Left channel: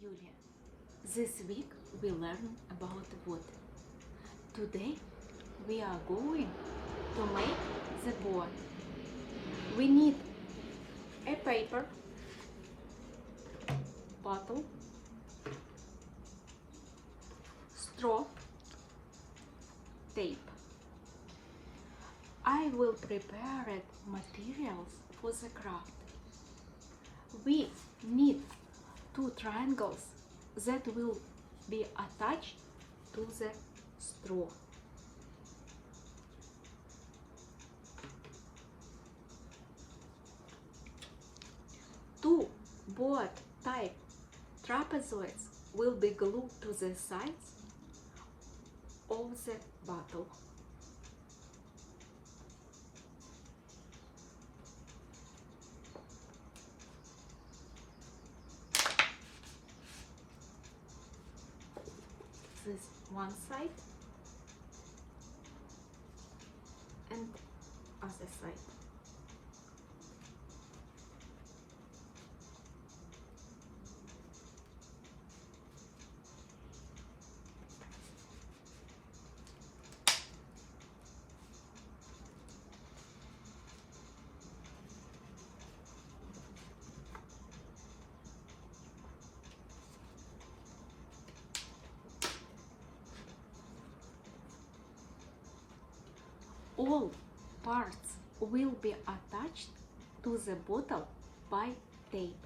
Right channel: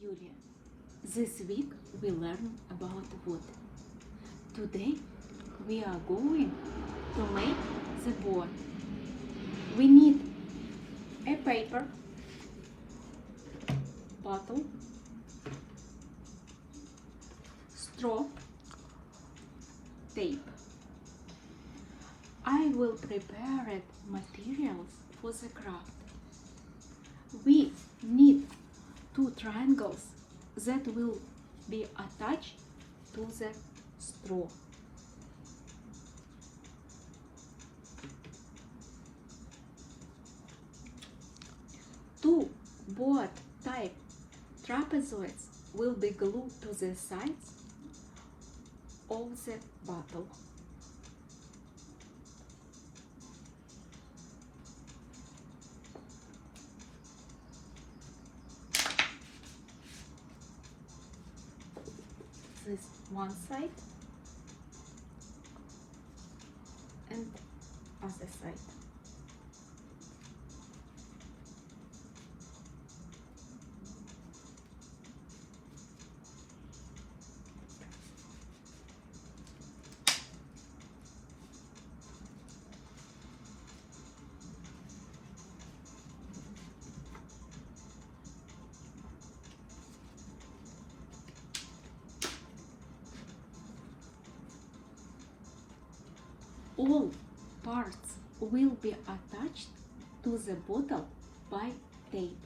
Julia. This week we learn about water. Today we are going to make the boat. We need a paper, bottle, straw, tape. I will prepare materials for the craft. We need two triangles that will be attached to the straw. Two boat type trapezoids will be glued to the sides of the bottle. This one side and other side. All parts will be attached to the bottle by tape.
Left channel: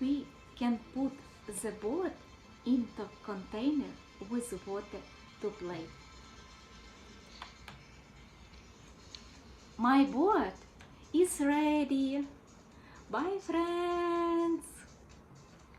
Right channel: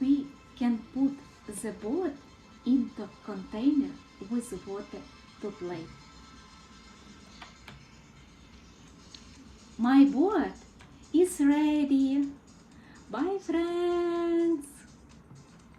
We can put the boat into container with water to play. My boat